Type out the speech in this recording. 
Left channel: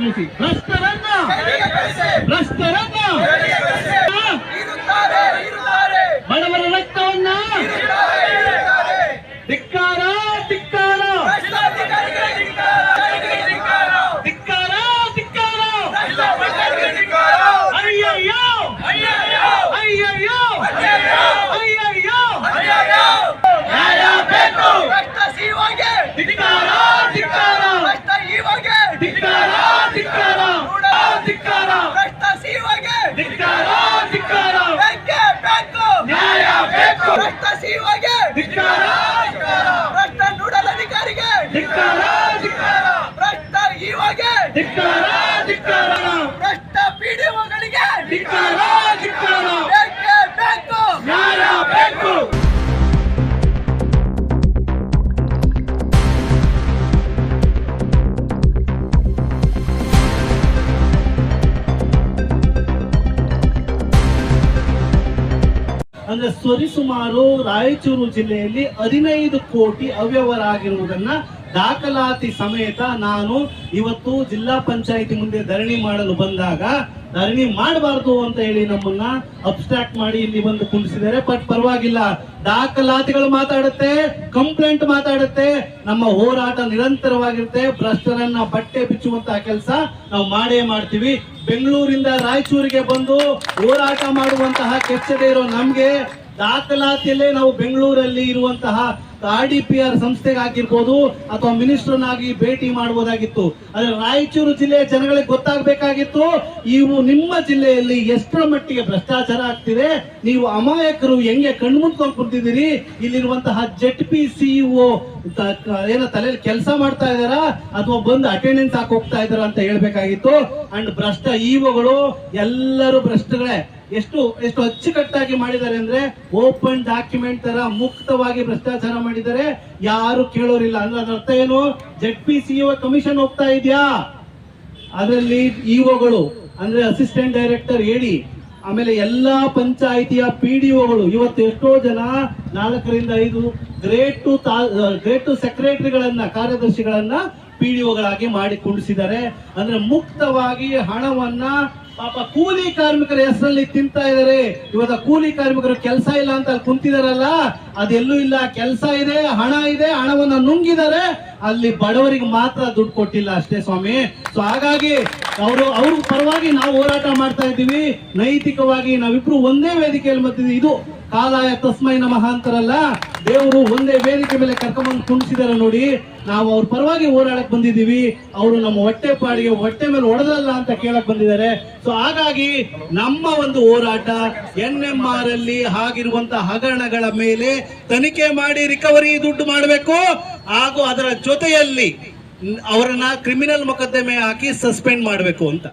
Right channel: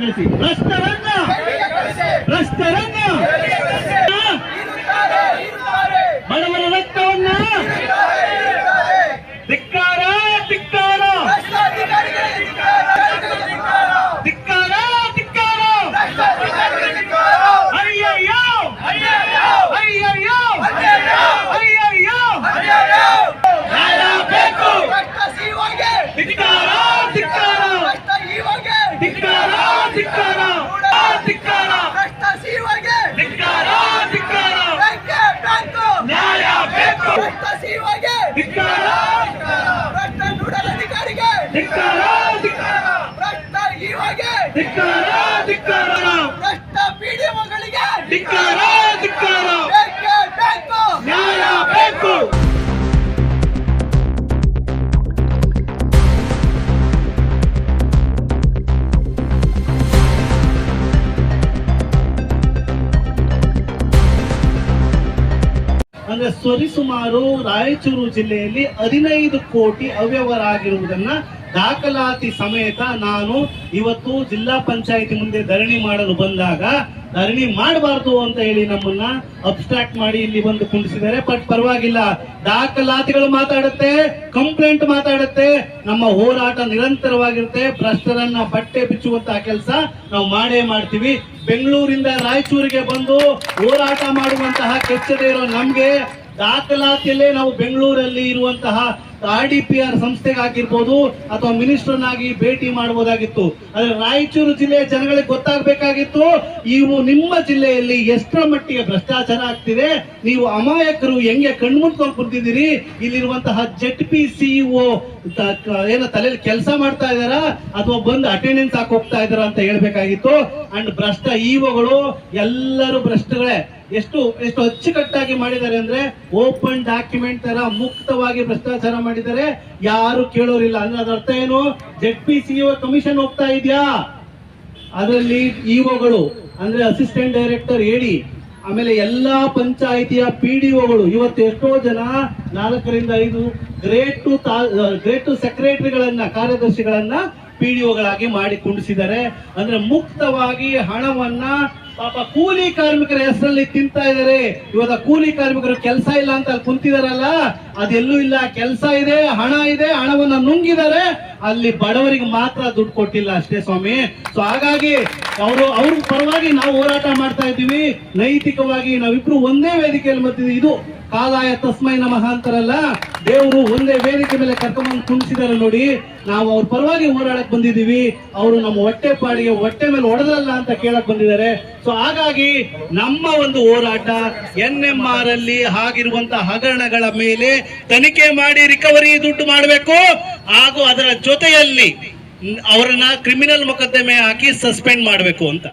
ಕಳಿಸಿ. ಭ್ರಷ್ಟರನ್ನ ಬಡವರ ರಕ್ತವನ್ನ ಧಿಕ್ಕಾರ ಧಿಕ್ಕಾರ ಧಿಕ್ಕಾರ ಧಿಕ್ಕಾರ. ಅಯ್ಯಯ್ಯೋ ಅಯ್ಯಯ್ಯೋ ಅಯ್ಯಯ್ಯೋ ನ್ಯಾಯ ಬೇಕು. ಧಿಕ್ಕಾರ ಧಿಕ್ಕಾರ ಧಿಕ್ಕಾರ ಧಿಕ್ಕಾರ ಧಿಕ್ಕಾರ ಧಿಕ್ಕಾರ ಧಿಕ್ಕಾರ. ನ್ಯಾಯ ಬೇಕು. ಧಿಕ್ಕಾರ ಭ್ರಷ್ಟ ನೋಡಲ್ ಅಧಿಕಾರಿಗೆ ಧಿಕ್ಕಾರ ಧಿಕ್ಕಾರ ಭ್ರಷ್ಟ ಇವಾಗೆ ಧಿಕ್ಕಾರ ಧಿಕ್ಕಾರ ಭ್ರಷ್ಟ ಪಿಡಿಒಗಳಿಗೆ ಧಿಕ್ಕಾರ ಧಿಕ್ಕಾರ. ಬೇಕೇ ಬೇಕು. ನ್ಯಾಯ ಬೇಕು. ಅಂದ್ರೆ ಸರಿಸುಮಾರು ರಾಯಚೂರು ಜಿಲ್ಲೆಯಲ್ಲಿ 15 ಕೋಟಿ ಅವ್ಯವಹಾರ ಆಗಿರುವುದನ್ನ ದಾಖಲಾತಿ ಸಮೇತ ನಾನು ಇವತ್ತು ಜಿಲ್ಲಾ ಪಂಚಾಯಿತಿ ಮುಂದೆ ಧರಣಿ ಮಾಡಲು ಬಂದಾಗ ಧರಣಿ ಮಾಡಬಾರ್ದು ಅಂತ ಹೇಳಿ ನಮ್ಮನ್ನ ಅಬ್ಸ್ಟ್ರಾಕ್ಟ್ ಮಾಡಿ ಇಲ್ಲಿ ಬಂದು ಕುಂಡಿಸಿದ್ದಾರೆ. ಬಟ್ ಪರವಾಗಿಲ್ಲ, ದಾಖಲಾತಿಗಳು ಮಾತಾಡುತ್ತೆ, ಕಂಪ್ಲೇಂಟ್ ಮಾತಾಡುತ್ತೆ, ನಮ್ಮ ಹೋರಾಟ ನಿರಂತರವಾಗಿರುತ್ತೆ. ಭ್ರಷ್ಟರನ್ನ ಬಟ್ಟೆ ಬಿಚ್ಚುವಂತಹ ಕೆಲಸ ನಾವು ಮಾಡೇ ಮಾಡ್ತೀವಿ. ಬೆಂಗಳೂರಿಂದ ರಾಯಚೂರಿಗೆ ಬಂದು ಹೋರಾಟ ಮಾಡುವಂತಹ ಕೆಚ್ಚದೆ ಇರೋ ನಮ್ಗೆ ದಾಖಲಾತಿಯಲ್ಲೇ ನಾವು ಬೆಂಗಳೂರಲ್ಲಿ ಇರುವಂತಹ RDPR ಸಂಸ್ಥೆಗೆ ಆಗಿರ್ಬೋದು ಅಥವಾ ಮಿನಿಸ್ಟರ್ನಾಗಿ ಭೇಟಿ ಮಾಡಬಹುದಾಗಿತ್ತು. ಆದ್ರೆ ರಾಯಚೂರು ಜಿಲ್ಲೆಯ ಜನಗಳಿಗೆ ಗೊತ್ತಾಗಬೇಕಾಗಿತ್ತು ಇವು ನಿಮ್ಮ ಜಿಲ್ಲೆಯಲ್ಲಿ ಎಷ್ಟರ ಮಟ್ಟಿಗೆ ಭ್ರಷ್ಟಾಚಾರ ಆಗ್ತಿದೆ, ನೀವು ಅಮಾಯಕರು ಹೆಂಗೆ ಕಣ್ಮುಂದ್ಕೊಂಡು ಕುಂತಿದ್ದೀರಿ, ಇಲ್ಲಿರುವಂತಹ ZP CEO ಏನೋ ತಲೆಯಲ್ಲಿ ಕೆಲಸ ಮಾಡ್ತಾ ಇದಾರ ಅಥವಾ ಬಂದು ಅಟೆಂಡೆನ್ಸ್ ಹಾಕಿ ಹೋಗ್ತಾ ಇದಾರ ಅಂತ ಹೇಳ್ಬೇಕಾಗಿತ್ತು. ಅಂಡ್ ಭ್ರಷ್ಟ ಇಒಗಳು ಎಲ್ಲರೂ ಭ್ರಷ್ಟಗಳೇ. ಎಷ್ಟು ಅಚ್ಚುಕಟ್ಟಾಗಿ ಮಾಡಿದ್ದಾರೆ ಅಂದ್ರೆ ಓಪನ್ ಡಾಕ್ಯುಮೆಂಟ್ ತರ ಮುಕ್ತವಾಗಿ ಭ್ರಷ್ಟಾಚಾರ ಮಾಡಿದ್ದಾರೆ. ಯಾರು ಕೇಳೋರಿಲ್ಲ. ಅಂದ್ರೆ ಅದರ ಅರ್ಥ ಏನು? ZP CEO ಕಮಿಷನ್ ಹೋಗ್ತಾ ಇದೆಯಾ, ಅದರಲ್ಲಿ ಇಒಗಳು ಅಂದ್ರೆ ಅಸಿಸ್ಟೆಂಟ್ ಡೈರೆಕ್ಟರ್ AD, ಆಮೇಲೆ ಎಲ್ಲಾ ಪಂಚಾಯಿತಿಯ PDOಗಳು ಇವತ್ತು ಎಷ್ಟೋ ಜನ 4 ರಿಂದ 5 ಗ್ರೇಡ್ ಟು ಸೆಕ್ರೆಟರಿಗಳನ್ನ, ಕಾರ್ಯದರ್ಶಿಗಳನ್ನ PDOಗಳಾಗಿ ಮಾಡಿ ಕುಂಡಿಸಿದ್ದಾರೆ. ಅಂದ್ರೆ ಮುಕ್ತವಾಗಿ ಹಣವನ್ನ ಪಾಪ ಕೂಲಿ ಕಾರ್ಮಿಕರ ಹೆಸರಲ್ಲಿ ತಿಂತಾ ಇದಾರೆ. ಇವಾಗ ಕೂಲಿ ಕಾರ್ಮಿಕರು ಕೆಲಸ ಇಲ್ಲ ಅಂತ ಅಲ್ಲಿ ಕುಂತಿದಾರಲ್ಲ, ಅದೆಲ್ಲೂ ಇಲ್ಲ. ಕೆಲಸ ಇದೆ, ಹಣ ಇದೆ, ಹಣವನ್ನ ನುಂಗಿದ್ದಾರೆ. ಅಲ್ಲಿ ಬಡವರಿಗೆ ಮಾತ್ರ ದುಡ್ಡು ಕೊಟ್ಟಿಲ್ಲ ಅಷ್ಟೇ ಸ್ವಾಮಿ. ಸೊ ಹಾಗಾಗಿ ಅವ್ರ ಪರವಾಗಿ ನಾವು ಹೋರಾಟ ಮಾಡ್ತಾ ಇದ್ದೀವಿ. ನೈತಿಕವಾಗಿ ನಾವಿಬ್ರು ಒಂದೇ ವೇದಿಕೆಯಲ್ಲಿ ಬರ್ತಿದ್ವಿ. ಇದು ಕಾಲಾಯ ತಸ್ಮೈ ನಮಃ ಅಂತಾರಲ್ಲ, ದೇವರು ಒಂದೇ ವೇದಿಕೆ ಮೇಲೆ ಕರ್ಕೊಂಡ್ಬಂದು ಕುಣಿಸಿದಾರೆ ನೋಡಿ. ನಾವು ಅವ್ರ ಪರವಾಗಿ ಹೋರಾಡಕ್ ಬಂದಿದ್ದೀವಿ. ಅವರು ನಮ್ಮ ಹೊಟ್ಟೆ ಮೇಲೆ ಹೊಡೆದಲ್ಲ ಅಂತ ಕೇಳಕ್ ಬಂದಿದ್ದಾರೆ. ಸೊ ಹಾಗಾಗಿ ನಮ್ಮ ಒಂದು ಹೋರಾಟ NMR ಅಲ್ಲಿ ಆಗಿರುವಂತಹ ಹಗರಣಗಳ ಮೇಲೆ ತನಿಖೆ ಮಾಡಿ ರಿಕವರಿ ದುಡ್ಡು ಮಾಡಬೇಕು, ಹಾಗೂ ಅದರ ಜೊತೆಯಲ್ಲಿ ಅವರನ್ನ ಕ್ರಿಮಿನಲ್ ಮೊಕದ್ದಮೆ ಹಾಕಿ ಸಸ್ಪೆಂಡ್ ಮಾಡಬೇಕು ಅಂತ.